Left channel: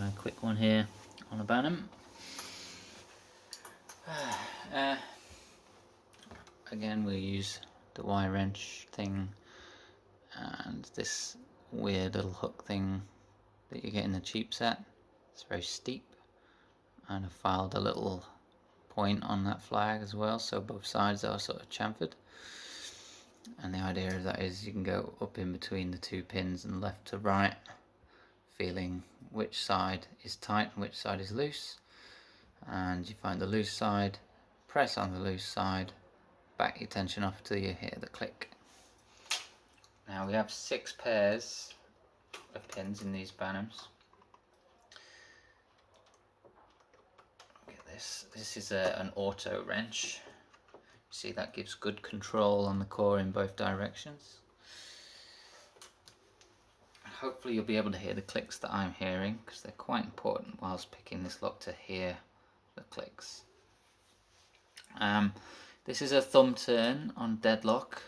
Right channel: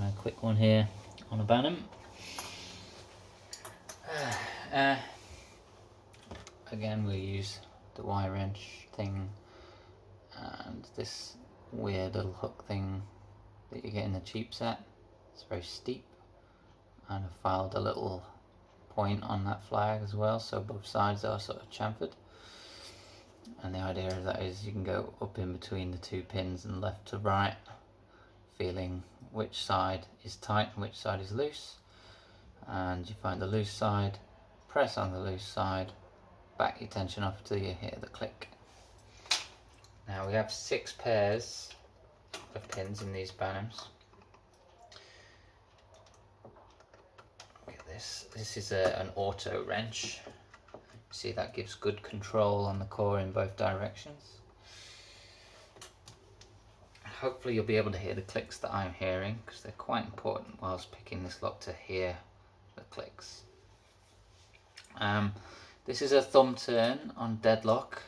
A quick one here on a Banham. Again, we'll use the Y wrench thing and this weird little hook thing that you get in the cheap set. It's very steep, and I've filed a little point on that flag as well, so both sides are sort of chamfered. And the idea of that is you can go up in between the two pins and left to right, feeling which side is tight and which side is loose, and you find the loose side, press on the loose side, back your tension off till you hear the click. Now we have 6 pairs of pins in these Banhams. Look at this. This is an auto wrench. See, that gives good control on the core in both directions. Hopefully you'll be able to hear the clicks that I'm hearing, because they're quite important whilst picking this lock to hear the clicks. This is a thumb turn on deadlock.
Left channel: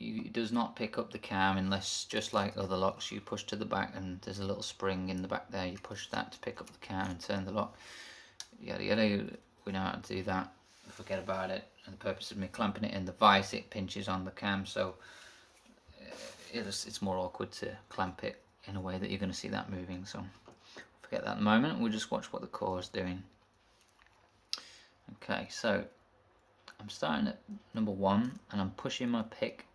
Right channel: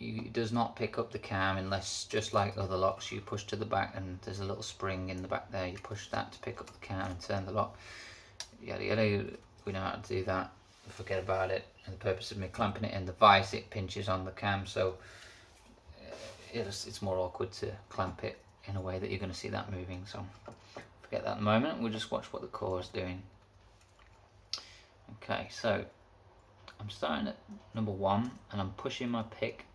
It does not pick up the cam unless, just like other locks, you push to the back and there's a little spring in the back there. You push that to pick up the cam and turn the lock. Yada yada, we know how to do that. Forget about it. And the purpose of me clamping it in the vise, it pinches on the cam, so it's more awkward to clamp it in a way that you're going to see that moving. So forget that at the moment. We'll just watch what the core is doing. Okay, so I'm starting at number 1 and I'm pushing my pick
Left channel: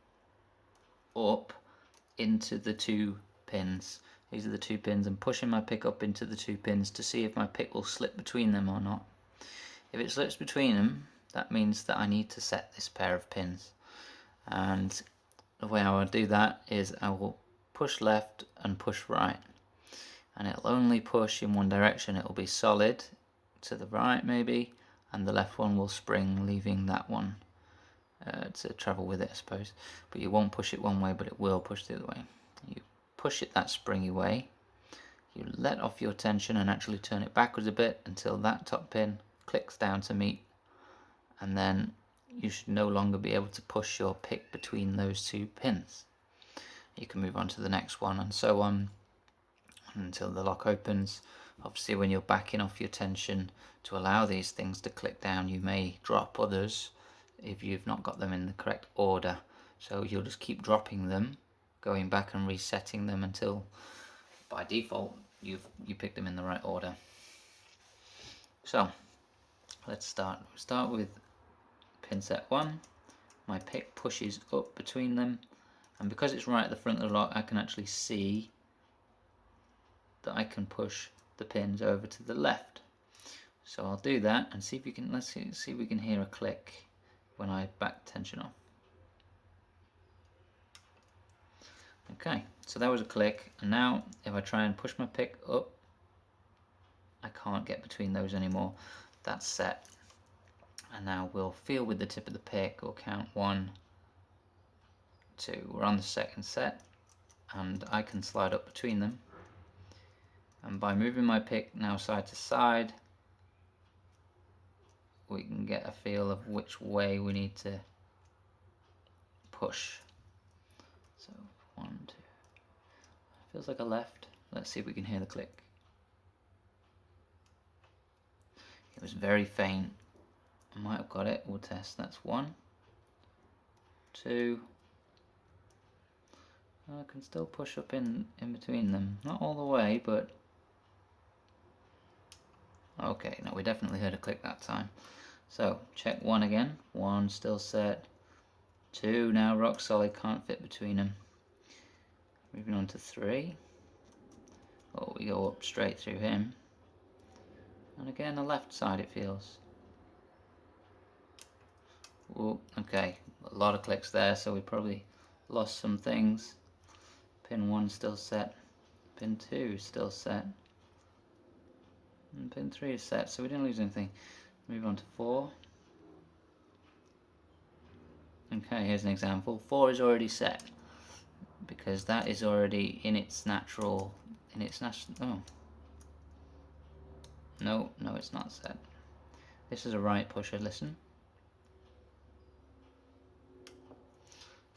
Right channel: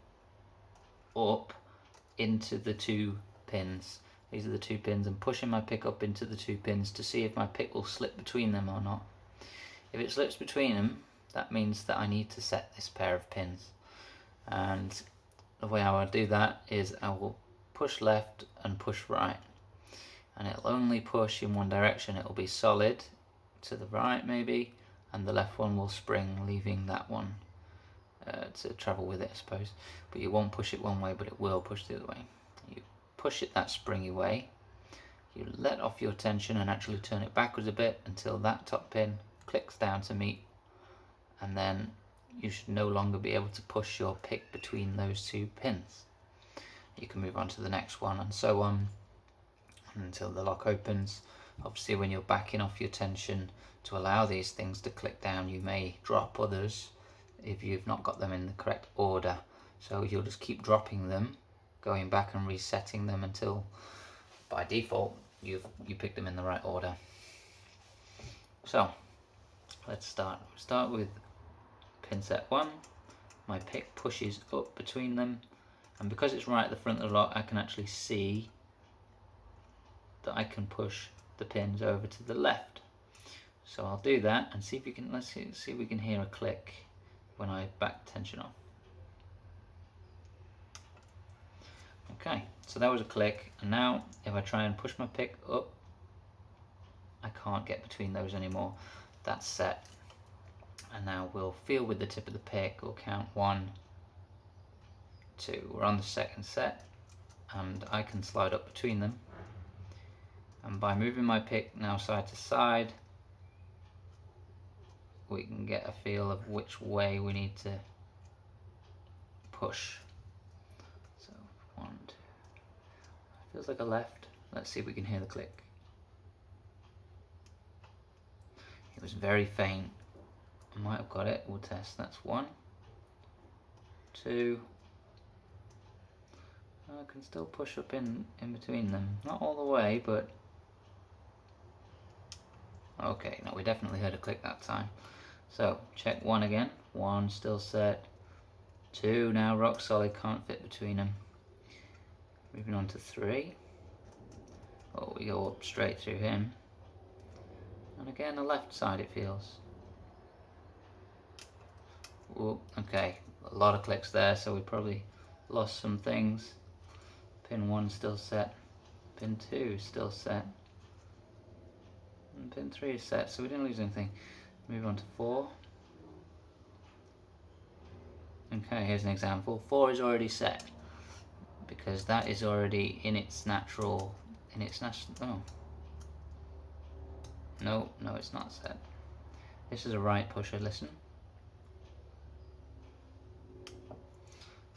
up into the 2 pins. These are the 2 pins. I'm pushing my pick up into the 2 pins to see if my pick will slip between them or not. If it slips between them, that means that I need to set this pair of pins. And the way I will do that is I will push left and push right. And it'll only push in one direction. It will be solid to the right maybe, and the left one will spring, leaving that one to travel with it, I suppose. But you won't push it one way, but it will push the other way. You push it that springy way. You let off your tension and actually turn it backwards a bit until that top pin clicks down to meet, and then you should no longer be able to push your pick between those 2 pins. You can move on to the next one and so on until the lock opens. Obviously, when you're backing off your tension to allow these things to click down, you may drop others if you've not got them in the correct order. So you'll just keep dropping them, going back and resetting them until by default you pick them in the right order. So let's start. We'll start with pin set 1. My pick pushes up between them, and because it's right at the front of the lock, I can actually see that I can push the pins over to the left. So I'll do that and see if you can. Let's see if we can hear a click when I back tension off. Okay, so that was a click, and now if I try and push my pick up, I can't get between those anymore. That's set. And now we'll feel with the tip of the pick. We'll count 1, 2. We're on the second set, and I can slide up between them. And by moving my pick now side to side, we can get a feel of which way we need to push. So 1, 2. Feels like a left. Let's see if we can hear the click. It was very faint. I might have got it. We'll test. That's 1, 2. I can still push up in between them. Not all the way, but okay. No, we definitely heard a click that time. So check 1 again. 1 still set. 2 now rock solid. Can't fit between them. Moving on to 3. Oh, we go up straight through him. And again, the left side it feels. Ooh, okay, a lot of clicks there, so we probably lost some things. Pin 1 still set. Pin 2 still set. And pin 3 is set, so we didn't lose anything. Move on to 4. Okay, here's an example. 4 is already set because that is already in its natural. Oh. No, it's not set. This is a right pusher. Listen.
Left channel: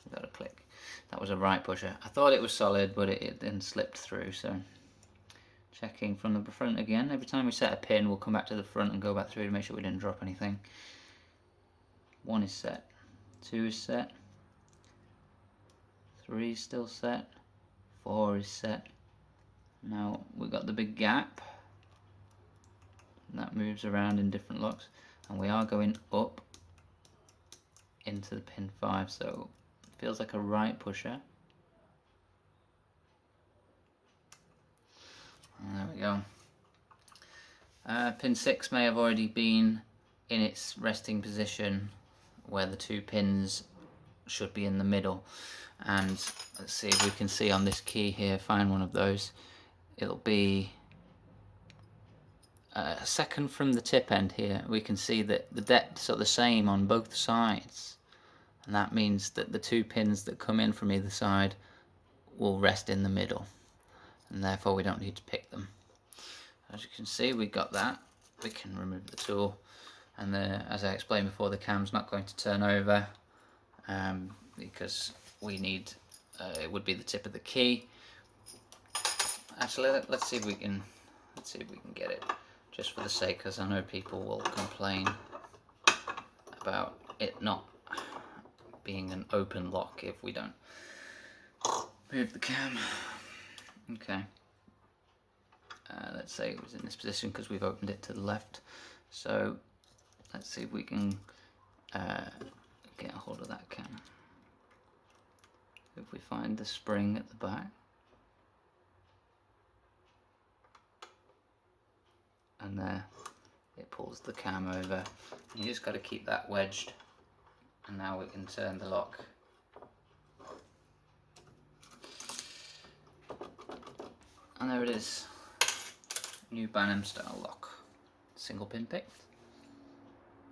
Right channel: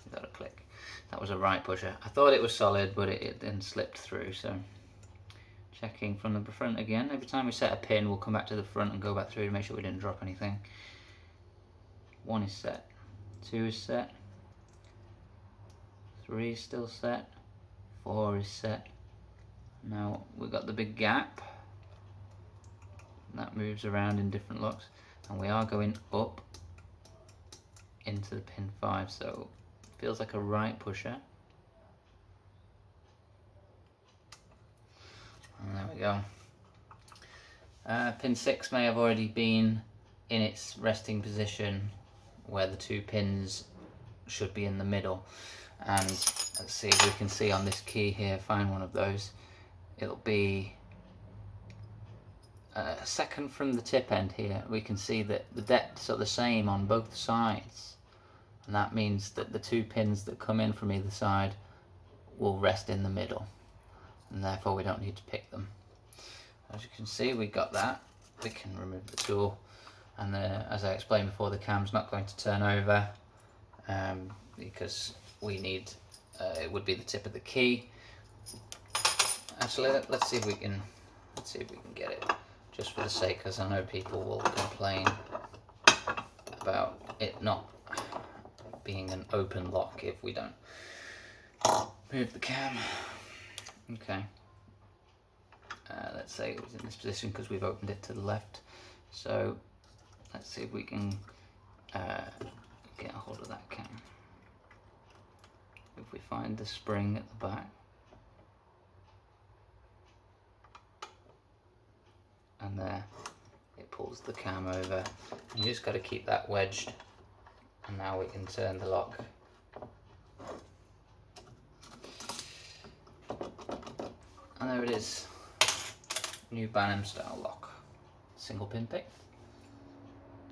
We got a click. That was a right pusher. I thought it was solid, but it then slipped through. So Checking from the front again. Every time we set a pin, we'll come back to the front and go back through to make sure we didn't drop anything. 1 is set, 2 is set, 3 is still set, 4 is set. Now we've got the big gap that moves around in different locks, and we are going up into the pin 5, so it feels like a right pusher. And there we go. Pin 6 may have already been in its resting position where the 2 pins should be in the middle, and let's see if we can see on this key here, find one of those. It'll be a second from the tip end here. We can see that the depths are the same on both sides, and that means that the 2 pins that come in from either side will rest in the middle, and therefore we don't need to pick them. As you can see, we got that. We can remove the tool, and as I explained before, the cam's not going to turn over because we need it would be the tip of the key. Actually, let's see if we can get it, just for the sake, because I know people will complain about it not being an open lock if we don't move the cam. Okay. Let's say it was in this position because we've opened it to the left. So let's see if we can get a hold of that cam. If we find the spring at the back, and there it pulls the cam over. You just got to keep that wedged, and now we can turn the lock. And there it is. New Banham style lock. Single pin picked.